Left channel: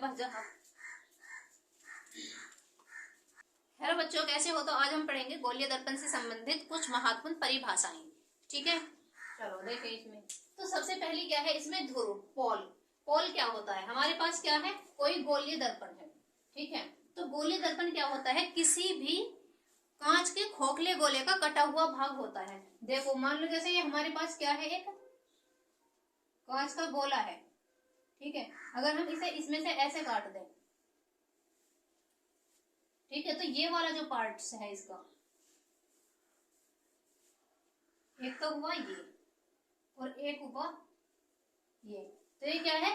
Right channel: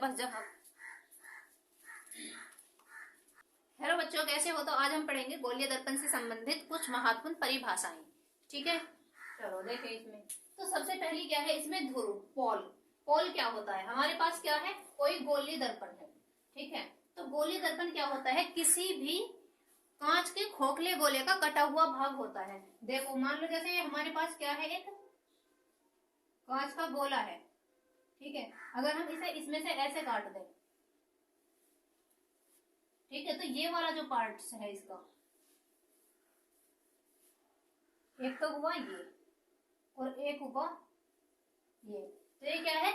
बस जा। हेलो बच्चों, कैसे हो? तो आज हम पढ़ेंगे गोलीय दर्पण से संबंधित कुछ महत्वपूर्ण परिभाषाएं। ठीक है, चलो देखें। इसमें तो सबसे पहली क्या है, इसमें ध्रुव पोल। पोल क्या होता है? हमारे पास क्या है, कोई गोलीय दर्पण है। ठीक है, तो गोलीय दर्पण क्या होता है? किसी भी कांच के खोखले गोले का कटा हुआ भाग होता है। देखो, मान लो जैसे ये हमारे पास क्या है, एक कांच का गोला है। ठीक है, अगर हम इसे इसमें से ऐसे काट दें, ठीक है, तो ये वाला जो पार्ट्स है इसका, एक तो हुआ ये और एक हुआ ये। तो ये क्या है,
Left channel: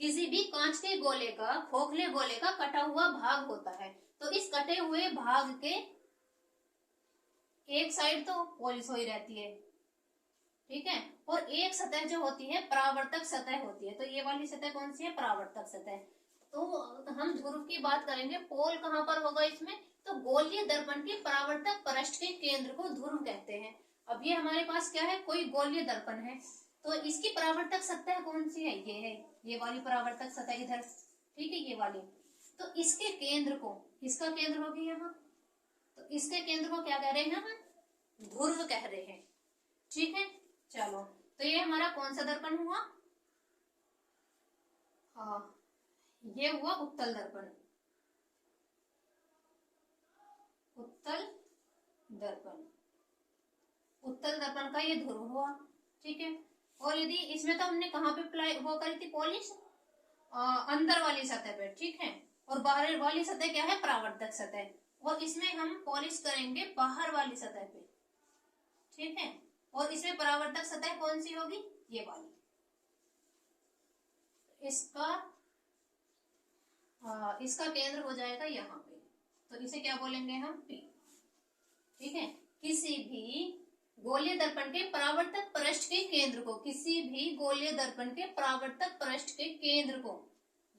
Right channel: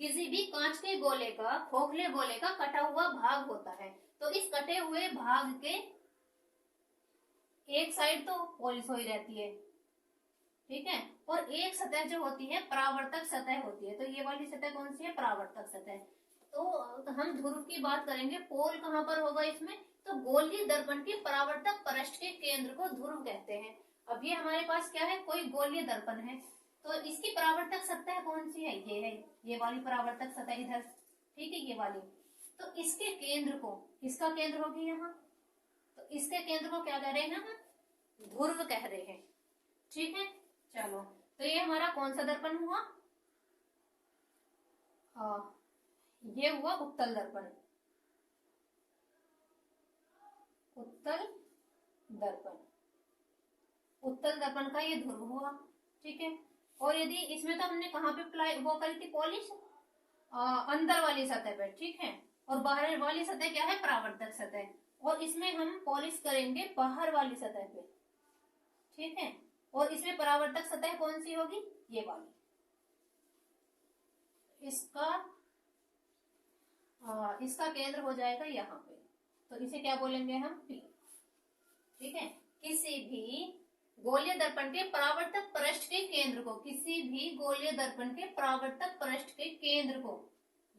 किसी भी कांच के गोले का, खोखले गोले का कटा हुआ भाग होता है। तो इस कटे हुए भाग के एक साइड तो पॉलिश हुई रहती है, ठीक है, और एक सतह जो होती है परावर्तक सतह होती है। तो ये वाली सतह कौन सी है? परावर्तक सतह। तो हम ध्रुव की बात करेंगे, पोल कहां पर होगा इसमें? तो गोलीय दर्पण के परावर्तक पृष्ठ के केंद्र को ध्रुव कहते हैं। अब ये हमारे पास क्या है, कोई गोलीय दर्पण है, तो इसकी परावर्तक सतह कौन सी है? ये है, ये वाली परावर्तक सतह इधर, ठीक है, ये वाली। तो इसके केंद्र को, इसका केंद्र होगी यहाँ, तो इसके केंद्र को क्या कह रहे हैं हम? ध्रुव कह रहे हैं। ठीक है, चलो, तो ये हमारा कौन सा दर्पण हुआ? ये हुआ उत्तल दर्पण। उत्तल दर्पण, उत्तल दर्पण का ये ध्रुव हुआ। ठीक है, और यदि इसमें तो हमने कहाँ पे अप्लाई वो करी थी पॉलिश? अंदर वाली सतह पे, ठीक है, और बाहर वाली सतह क्या है? परावर्तक सतह। और इसमें हम पॉलिश करेंगे बाहर वाली सतह पे, ठीक है, और इसमें परावर्तक सतह कौन सी होगी? ये वाली। इसका केंद्र हो जाएगा यहाँ पे, तो इसे क्या बोलेंगे हम? P। ठीक है, किसी भी गोलीय दर्पण के परावर्तक पृष्ठ के केंद्र को, किसी भी गोलीय दर्पण के परावर्तक पृष्ठ के केंद्र को,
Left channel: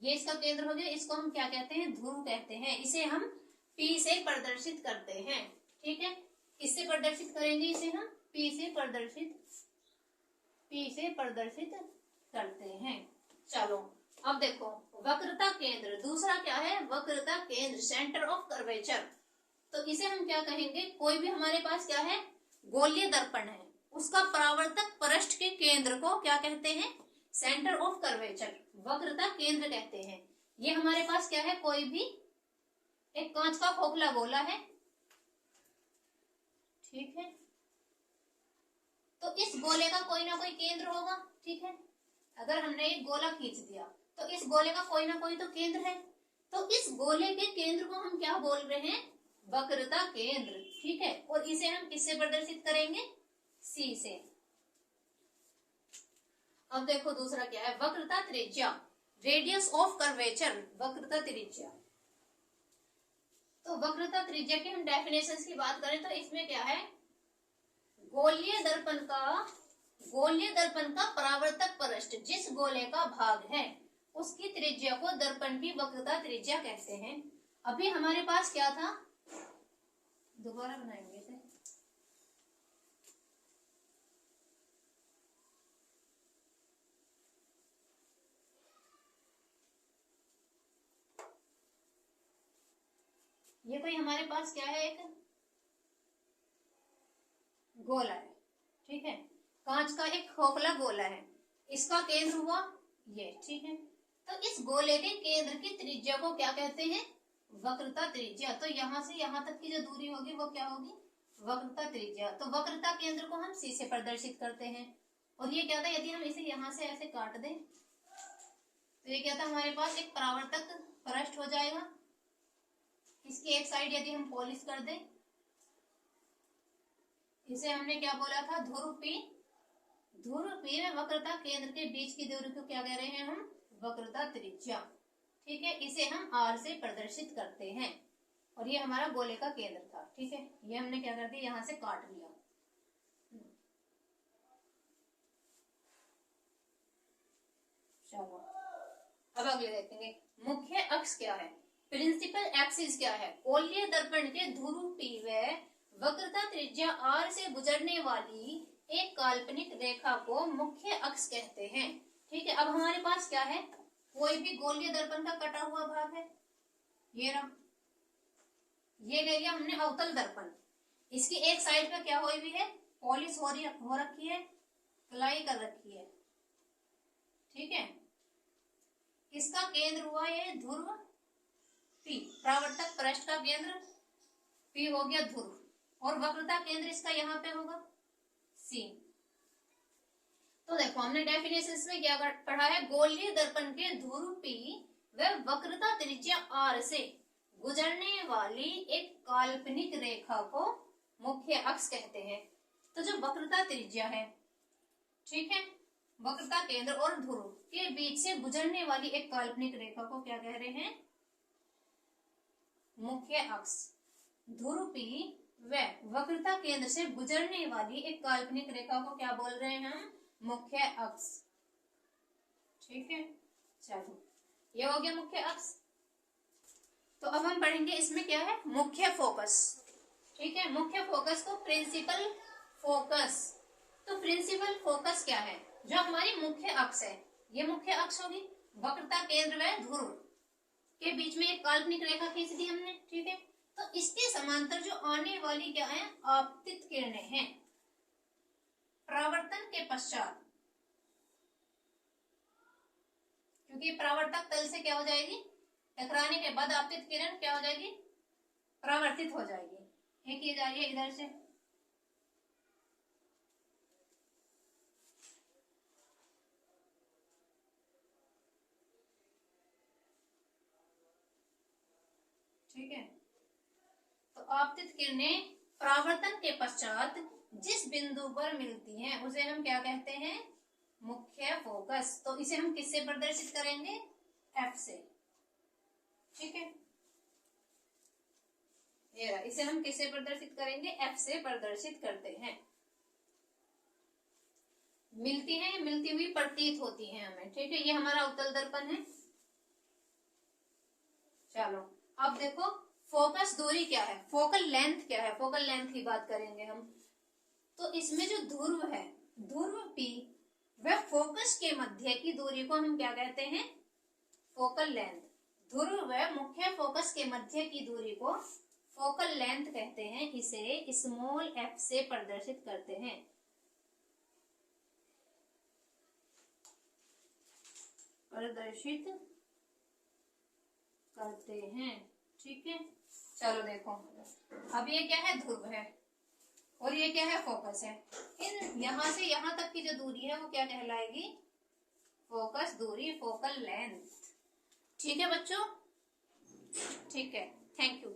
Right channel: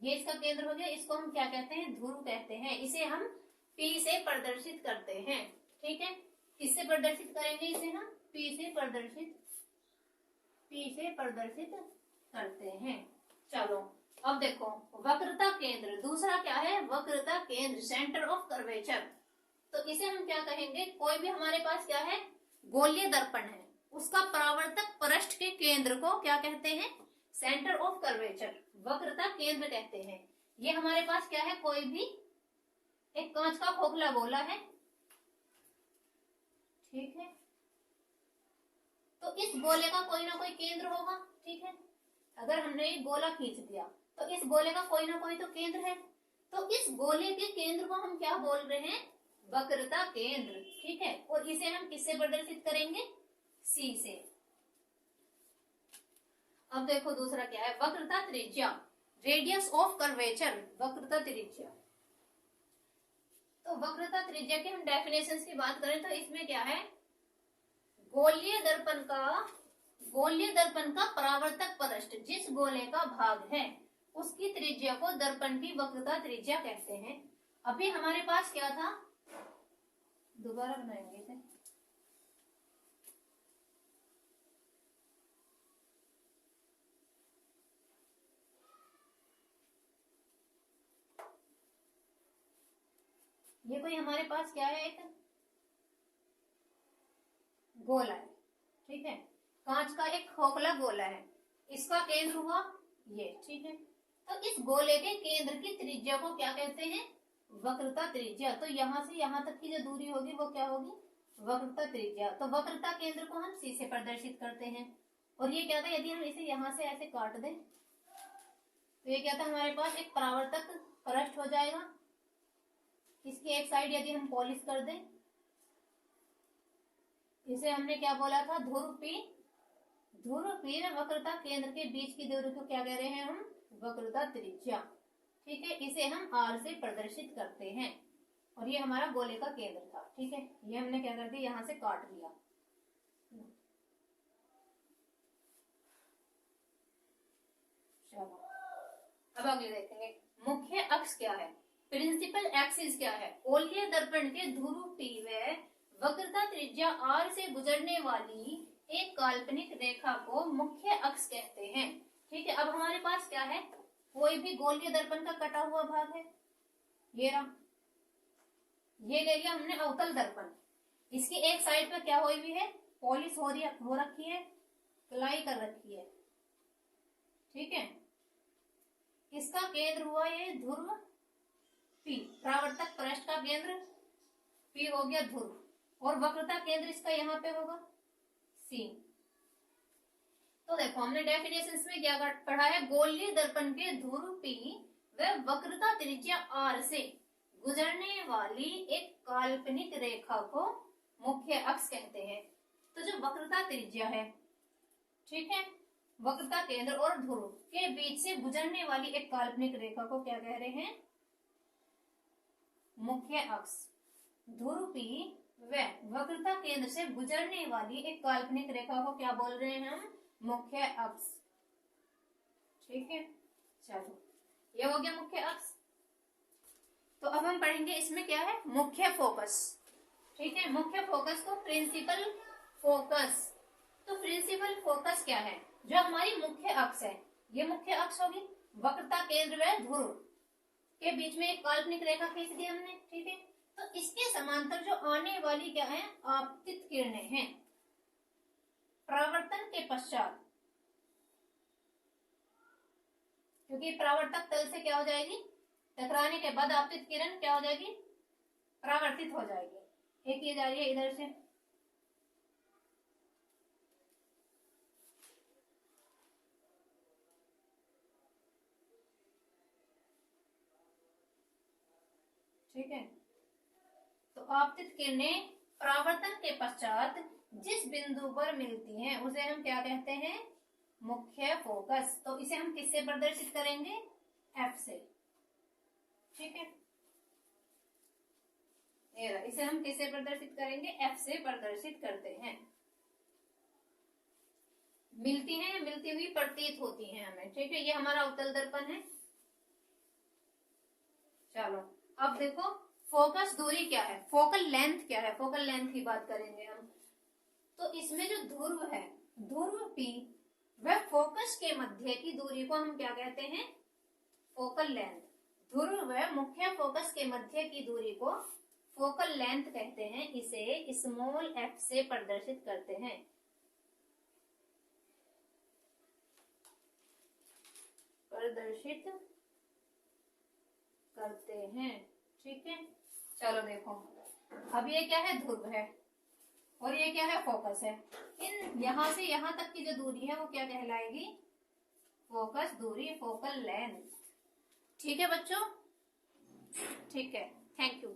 ये इसका केंद्र हो गया, इसको हम क्या कहते हैं? ध्रुव कहते हैं। इसे हम P से प्रदर्शित करते हैं। ठीक है, किससे प्रदर्शित करेंगे इसे हम? P से प्रदर्शित करते हैं। चलो, अब देखो, वक्रता केंद्र, दूसरा क्या है? वक्रता केंद्र, सेंटर ऑफ कर्वेचर। तो इसे हम क्या कहेंगे? कोई भी हमारे पास क्या है, गोलीय दर्पण है, उसका परावर्तक पृष्ठ के केंद्र को क्या कहते हैं? सेंटर ऑफ कर्वेचर, वक्रता केंद्र कहते हैं। ये हमारे पास क्या है? कोई भी एक कांच का खोखला गोला है, ठीक है, तो इस गोले का कोई ना कोई केंद्र होगा। ठीक है, अगर हमने एक गोला खींच दिया तो इस गोले का कोई ना कोई तो केंद्र है। तो इस गोले के केंद्र को हम क्या बोल रहे हैं? वक्रता केंद्र। ठीक है, और इसे हम किससे प्रदर्शित करेंगे? C से। अब देखो दूसरा क्या है, वक्रता त्रिज्या, रेडियस ऑफ कर्वेचर, वक्रता त्रिज्या। तो वक्रता त्रिज्या की हम डेफिनेशन की बात करें तो इसमें क्या है, गोलीय दर्पण का परावर्तक पृष्ठ, जिस गोले का भाग है उसकी त्रिज्या को दर्पण की वक्रता त्रिज्या कहते हैं। अभी हमारे पास क्या था, दोबारा बनाएंगे इसे। ये कोई हमारे पास क्या है, एक गोला है, ठीक है, कांच का एक खोखला गोला है, इसका केंद्र हुआ ये। ठीक है, तो इस गोले के केंद्र की त्रिज्या को क्या कहते हैं? वक्रता त्रिज्या। तो यहां से यहां तक की जो दूरी होगी वो क्या होगी? वक्रता त्रिज्या। तो वक्रता केंद्र को हम C से प्रदर्शित करते हैं। और ये क्या था, यदि हम इसे यहां से ऐसे काट दें तो ये क्या था, हमारे पास एक परावर्तक पृष्ठ हो जाएगा। इसकी एक साइड यदि हम पॉलिश कर दें, इसे हमने क्या बोला था? ध्रुव P। ध्रुव P में वक्रता केंद्र के बीच की दूरी को क्या कह रहे हैं हम? वक्रता त्रिज्या। ठीक है, इसे हम R से प्रदर्शित करते हैं। और ये हमारा गोले का केंद्र था। ठीक है, ये हमने क्या कर दिया, यहां से काट लिया। चलो, अब अगले देखेंगे, मुख्य अक्ष क्या है? प्रिंसिपल एक्सिस क्या है? गोलीय दर्पण के ध्रुव P व वक्रता त्रिज्या R से गुजरने वाली एक काल्पनिक रेखा को मुख्य अक्ष कहते हैं। ठीक है, अब हमारे पास क्या है, कोई भी गोलीय दर्पण का कटा हुआ भाग है, ये रहा, ये ले लिया हमने अवतल दर्पण। इसकी एक साइड पे क्या हुई हुई है, पॉलिश हो रखी है, पिलाई कर रखी है, ठीक है। इसका केंद्र हुआ ये ध्रुव पी, परावर्तक पृष्ठ का केंद्र पी हो गया ध्रुव, और वक्रता केंद्र इसका यहाँ पे होगा सी। तो देखो हमने डेफिनेशन में क्या पढ़ा है, गोलीय दर्पण के ध्रुव पी व वक्रता त्रिज्या आर से गुजरने वाली एक काल्पनिक रेखा को मुख्य अक्ष कहते हैं। तो जो वक्रता त्रिज्या है, ठीक है, वक्रता केंद्र और ध्रुव के बीच से गुजरने वाली एक काल्पनिक रेखा को क्या कह रहे हैं, मुख्य अक्ष। ध्रुव पी व वक्रता केंद्र से गुजरने वाली एक काल्पनिक रेखा को क्या बोल रहे हैं हम, मुख्य अक्ष, ठीक है। चलो ये हो गया मुख्य अक्ष। तो अब हम पढ़ेंगे इसमें क्या है, मुख्य फोकस, ठीक है। मुख्य फोकस को प्रिंसिपल फोकस। तो प्रिंसिपल फोकस क्या है, जो हमारी मुख्य अक्ष है, ये मुख्य अक्ष होगी, वक्रता केंद्र व ध्रुव के बीच में एक काल्पनिक रेखा खींच दी हमने, ठीक है। तो इसके समांतर जो आने वाली क्या है, आपतित किरणें हैं, परावर्तन के पश्चात, क्योंकि परावर्तक तल से क्या हो जाएगी, टकराने के बाद आपतित किरण क्या हो जाएगी, परावर्तित हो जाएगी। एक ये जा रही है इधर से, ठीक है। तो आपतित किरणें परावर्तन के पश्चात जिस बिंदु पर मिलती हैं उसे हम क्या कहते हैं, मुख्य फोकस। तो इसे हम किससे प्रदर्शित करेंगे, एफ से, ठीक है। इसे हम किससे प्रदर्शित करेंगे, एफ से प्रदर्शित करते हैं। मिलती हैं, मिलती हुई प्रतीत होती हैं हमें, ठीक है। ये हमारा उत्तल दर्पण है। चलो अब देखो फोकस दूरी क्या है, फोकल लेंथ क्या है, फोकल लेंथ की बात करेंगे हम। तो इसमें जो ध्रुव है, ध्रुव पी वह फोकस के मध्य की दूरी को हम क्या कहते हैं, फोकल लेंथ। ध्रुव व मुख्य फोकस के मध्य की दूरी को फोकल लेंथ कहते हैं। इसे स्मॉल एफ से प्रदर्शित करते हैं। ठीक है। चलो देखो अब ये क्या है, ध्रुव है, और ये क्या है, फोकस है। इन यहां से यहां तक की जो दूरी है वो क्या कहलाएगी, फोकस दूरी, फोकल लेंथ, ठीक है बच्चों, ठीक है। Thank you.